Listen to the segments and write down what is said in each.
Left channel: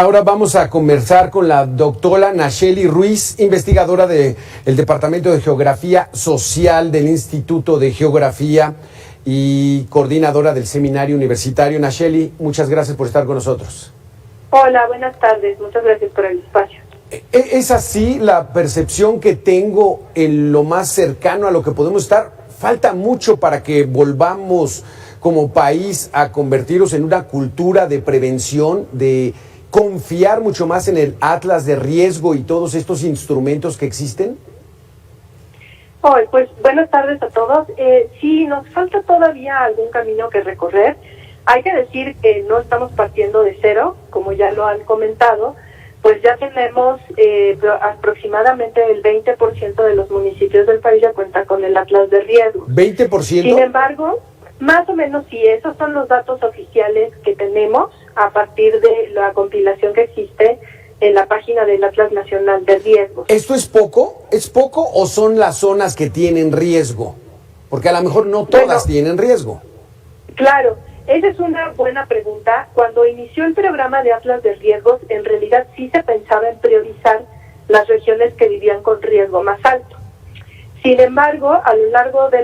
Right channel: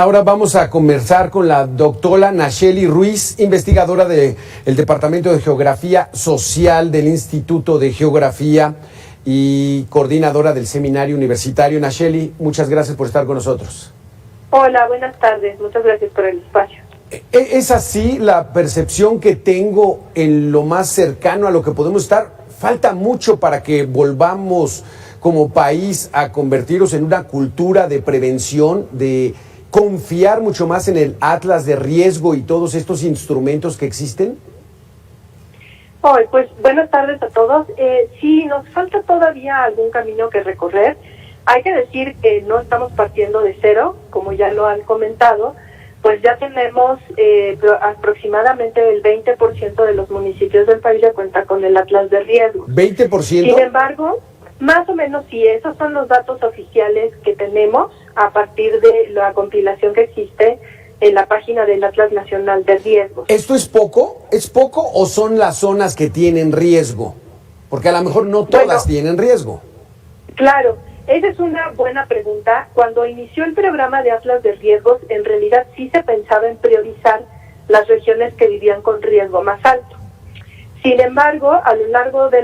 Ahora vamos a conversar con la doctora Nacheli Ruiz, investigadora del Departamento de Geografía Social del Instituto de Geografía y coordinadora del Seminario Universitario. Nacheli, muchas gracias por estar con nosotros. Hola, buenas tardes. Muchas gracias por el espacio. ¿Es así la percepción que tengo en lo más cercano a lo que podemos estar? ¿Falta mucho para que volvamos como país a convertirnos en una cultura de prevención, de confiar mucho más en el atlas de riesgo y todos estos instrumentos que existen? Pues buenas tardes a todos. Sí, nos falta todavía algún camino que recorrer. Hay que decir que no estamos partiendo de cero, como ya lo han comentado, pues ya tenemos aproximadamente el 20% de los municipios del país ya cuenta con el atlas de riesgo. ¿20%? Sin embargo, más o menos sí, esos son los datos oficiales que tenemos a partir de la compilación que existe en la página del Atlas Nacional de Riesgos. ¿Esto es poco? ¿Es poco o son las zonas que tienen riesgo? Porque a lo mejor no todas tienen riesgo. Claro, esa es una buena pregunta. Cuando inició el programa de Atlas de Riesgos, en realidad sí se pensaba en priorizar las regiones que vivían con riesgo más alto. Sin embargo, a lo largo de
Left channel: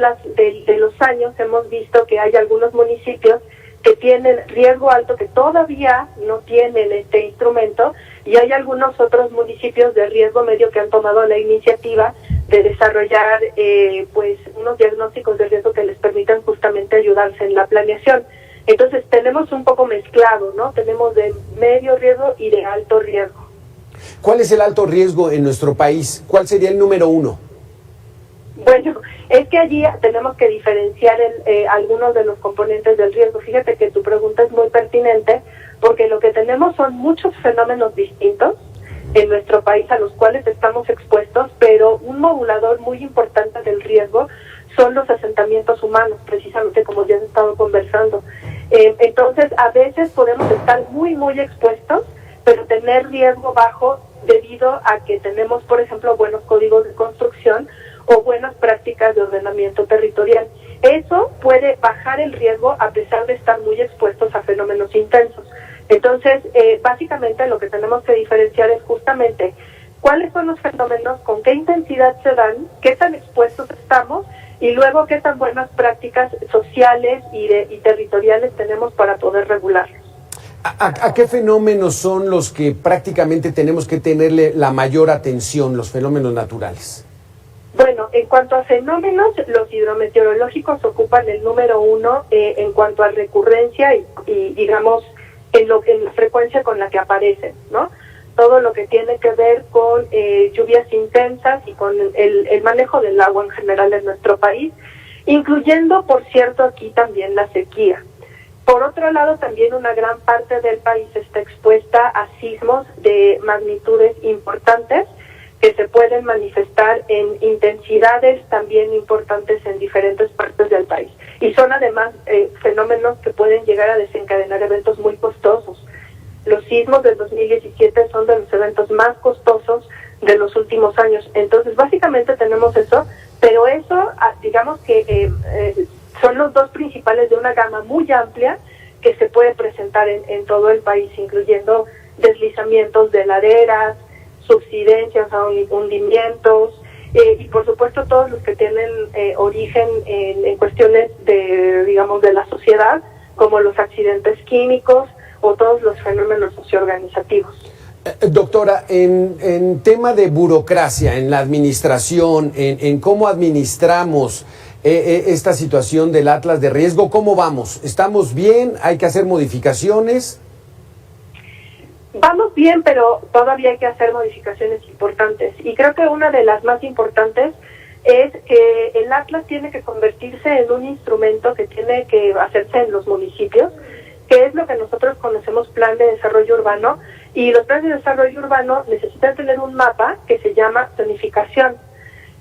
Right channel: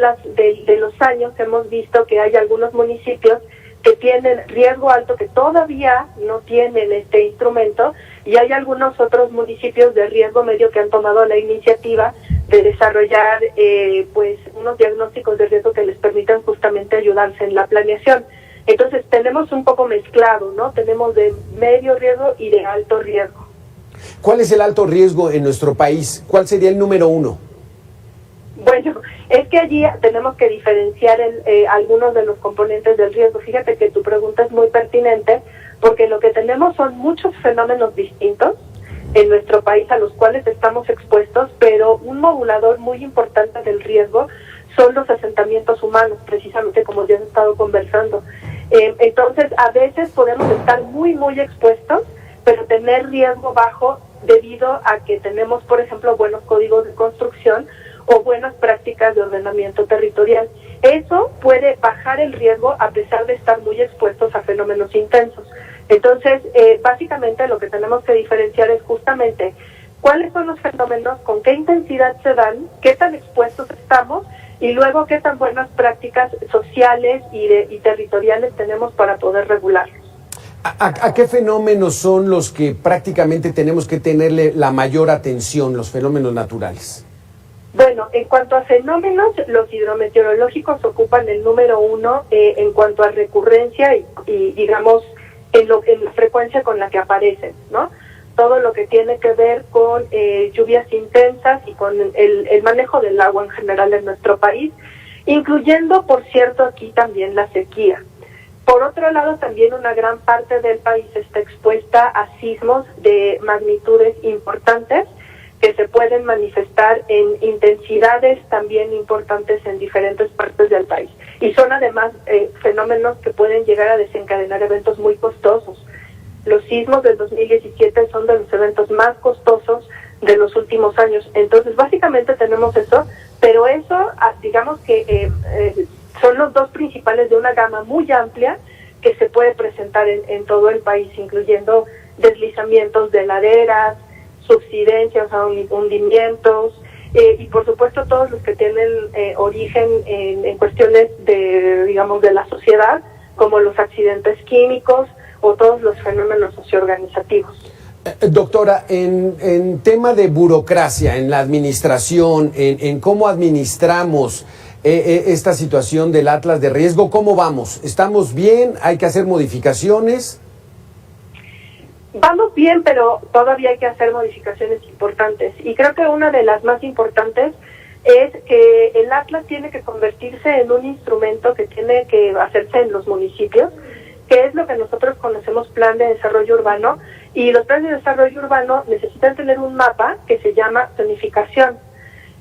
los años hemos visto que hay algunos municipios que tienen riesgo alto, que todavía no tienen este instrumento, y hay algunos otros municipios de riesgo medio que han tomado la iniciativa de desarrollar pues unos diagnósticos de riesgo que les permitan justamente ayudarse en la planeación. Entonces tenemos un poco mezclado, ¿no? Tenemos de medio riesgo y de alto riesgo. ¿Cuál es el alto riesgo en nuestro país? ¿Cuál sería el número 1? Bueno, es que allí tenemos que diferenciar algunos de los componentes del riesgo. Fíjate que tu pregunta es muy pertinente, porque lo que tenemos son muchos fenómenos distintos en nuestro país a los cuales estamos expuestos, pero un modulador muy importante del riesgo son los asentamientos humanos, precisamente como ya he estado conversando. Entonces, a veces podemos estar muy, muy expuestos, pero tener riesgo bajo debido a que tenemos, por ejemplo, buenos códigos de construcción o buenas prácticas de ordenamiento territorial. Eso puede bajar el riesgo a pesar de estar muy expuestos a fenómenos intensos. Entonces, básicamente lo que tenemos que diferenciar es justamente cuáles son los fenómenos, con qué intensidad se dan, qué tan expuestos estamos y luego qué tan buenas prácticas sociales y territoriales tenemos para poder regularlos. ¿A qué fenómenos son los que prácticamente tenemos que tenerle la mayor atención, los fenómenos naturales? Bueno, en cuanto a fenómenos, los hidrometeorológicos ocupan el número 1 en cuanto a recurrencia y digamos, en la frecuencia con la que aparecen, ¿no? Todo lo que tiene que ver con lluvias intensas y con el manejo del agua en general en nuestro país, incluyendo, por cierto, aquí también la sequía. Por otro lado, también una gran parte del país está expuesta a sismos de magnitudes importantes, que se pueden manifestar en intensidades también importantes en diferentes partes del país. Y son además fenómenos que pueden llegar a desencadenar eventos muy costosos. Los sismos del 2017 son de los eventos más costosos de los últimos años. Entonces, básicamente tenemos eso, pero eso, digamos que son los dos principales de una gama muy amplia que se puede presentar en todo el país, incluyendo deslizamientos de laderas, subsidencias a hundimientos y por supuesto todos los que tienen origen en cuestiones de la sociedad, como los accidentes químicos o todos los fenómenos socioorganizativos. Doctora, en tema de burocracia, en la administración, en cómo administramos esta situación del atlas de riesgo, ¿cómo vamos? ¿Estamos bien? ¿Hay que hacer modificaciones? Vamos bien, pero todavía hay que hacer modificaciones importantes. Y creo que una de las más importantes es que el Atlas tiene que convertirse en un instrumento que tiene que hacerse en los municipios, que es lo que nosotros conocemos Plan de Desarrollo Urbano. Y los planes de desarrollo urbano necesitan tener un mapa que se llama zonificación.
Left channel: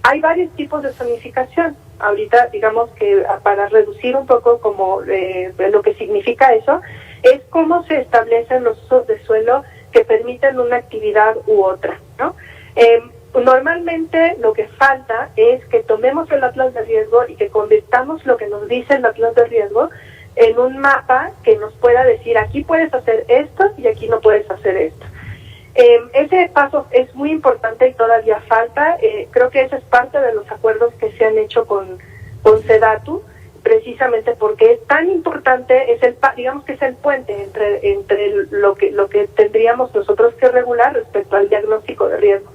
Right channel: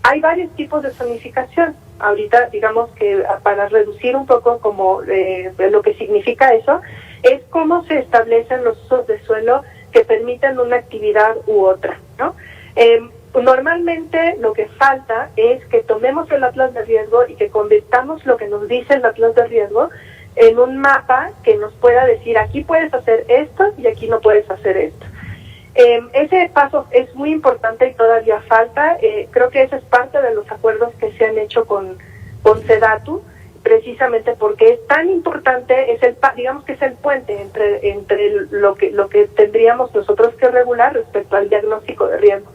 Hay varios tipos de zonificación. Ahorita, digamos que para reducir un poco como lo que significa eso, es cómo se establecen los usos de suelo que permiten una actividad u otra, ¿no? Normalmente lo que falta es que tomemos el atlas de riesgo y que convirtamos lo que nos dice el atlas de riesgo en un mapa que nos pueda decir aquí puedes hacer esto y aquí no puedes hacer esto. ese paso es muy importante y todavía falta. Creo que ese es parte de los acuerdos que se han hecho con SEDATU, precisamente porque es tan importante, digamos que es el puente entre lo que tendríamos nosotros que regular respecto al diagnóstico de riesgo.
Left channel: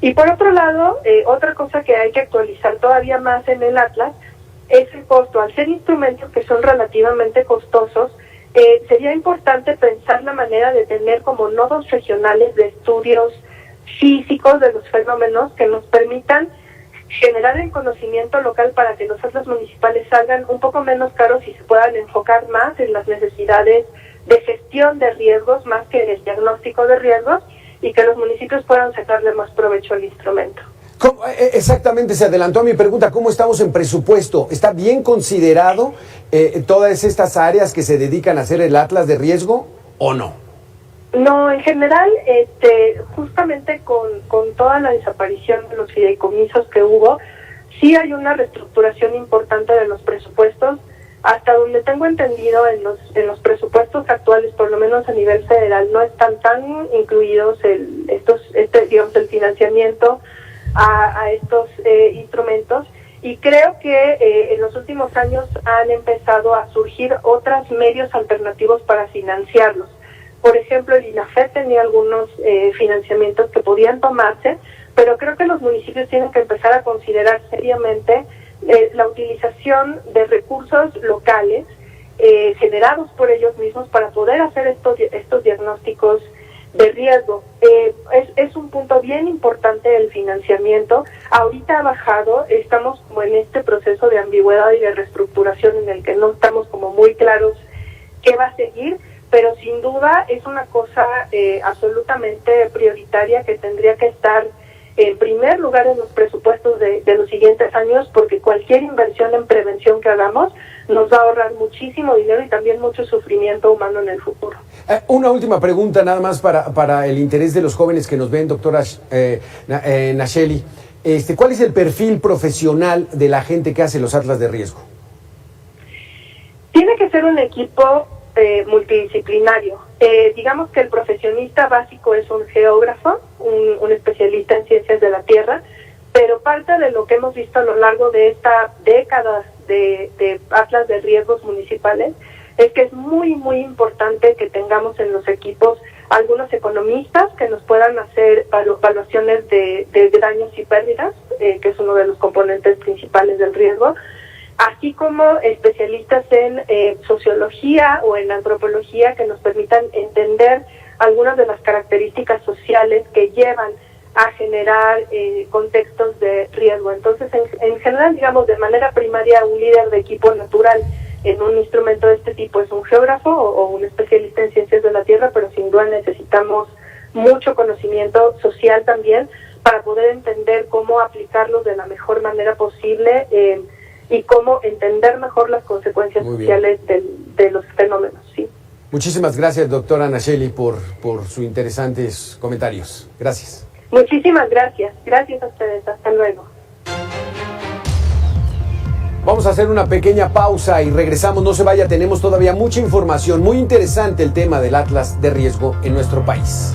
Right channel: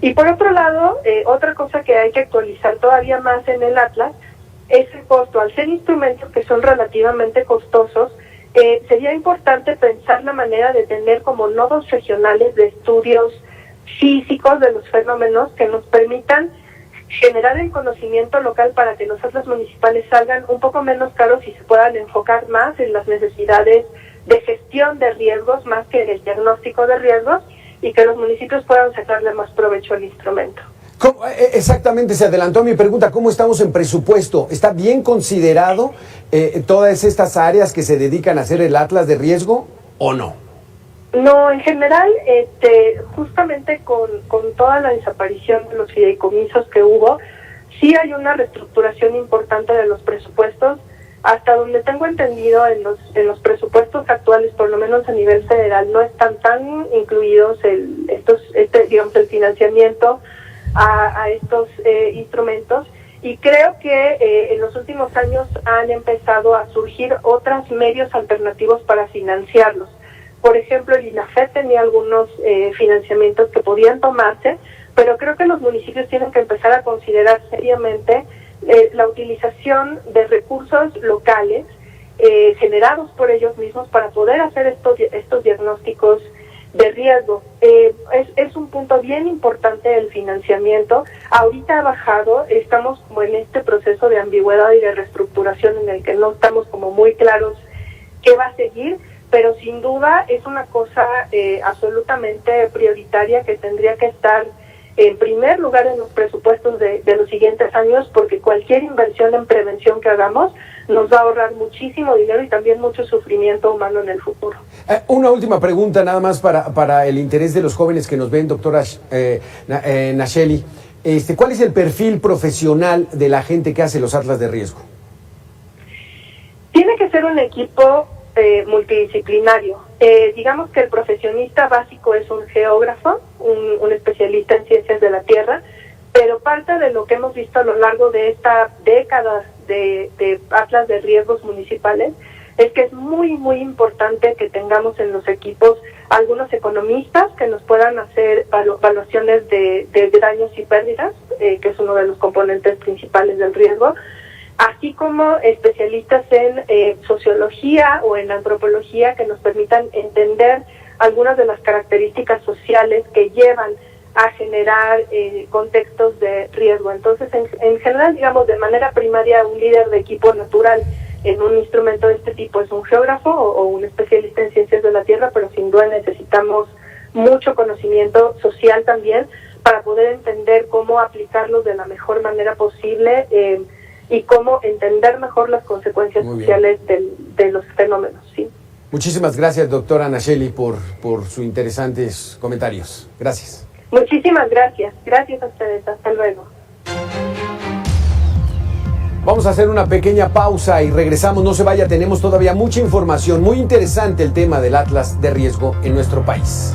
Y por otro lado, otra cosa que hay que actualizar todavía más en el Atlas es el costo. Al ser instrumentos que son relativamente costosos, sería importante pensar la manera de tener como nodos regionales de estudios físicos de los fenómenos que nos permitan generar el conocimiento local para que los atlas municipales salgan un poco menos caros y se puedan enfocar más en las necesidades de gestión de riesgos más que en el diagnóstico de riesgos, y que los municipios puedan sacarle más provecho al instrumento. Exactamente, se adelantó a mi pregunta, ¿cómo estamos en presupuesto? ¿Está bien considerado todas estas áreas que se dedican a hacer el atlas de riesgo o no? No, en general, justamente con toda la desaparición de los fideicomisos que hubo, sí hay una reestructuración importante de los presupuestos. Hasta donde tengo entendido, en los presupuestos actuales, por lo menos a nivel federal, no están tan incluidos el financiamiento a estos instrumentos, y creo que en los últimos años han empezado a surgir otros medios alternativos para financiarlos. Por ejemplo, el INAFED tenía algunos financiamientos que podían tomarse, pero creo que los municipios tienen que empezar a considerar seriamente la utilización de recursos locales generados por ellos mismos para poder hacer estos diagnósticos de riesgo. Es un punto bien importante el financiamiento. Ahorita ha bajado, estamos como en este proceso de ambigüedad y de reestructuración en el que no estamos como muy claros qué va a seguir, pero sin duda es una cosa absolutamente prioritaria que tendría que estar en primer lugar en los presupuestos de los siguientes años, porque cualquier inversión en prevención que hagamos nos va a ahorrar muchísimo dinero y también mucho sufrimiento humano en el futuro. Una última pregunta nada más para el interés de los jóvenes que nos ven, doctora Nacheli. ¿Cuál es el perfil profesional de la gente que hace los atlas de riesgo? Tiene que ser un equipo multidisciplinario. Digamos que el profesionista básico es un geógrafo, un especialista en ciencias de la tierra, pero parte de lo que hemos visto a lo largo de esta década de atlas de riesgos municipales es que es muy, muy importante que tengamos en los equipos algunos economistas que nos puedan hacer evaluaciones de daños y pérdidas, que es uno de los componentes principales del riesgo, así como especialistas en sociología o en antropología que nos permitan entender algunas de las características sociales que llevan a generar contextos de riesgo. Entonces, en general, digamos, de manera primaria, un líder de equipo natural en un instrumento de este tipo es un geógrafo o un especialista en ciencias de la tierra, pero sin duda necesitamos mucho conocimiento social también para poder entender cómo aplicarlos de la mejor manera posible y cómo entender mejor las consecuencias sociales de los fenómenos. ¿Sí? Muchísimas gracias, doctora Nacheli, por sus interesantes comentarios. Gracias. Muchísimas gracias. Gracias a ustedes. Hasta luego. Vamos a hacer una pequeña pausa y regresamos. No se vaya, tenemos todavía mucha información. Muy interesante el tema del Atlas de riesgo en nuestro país.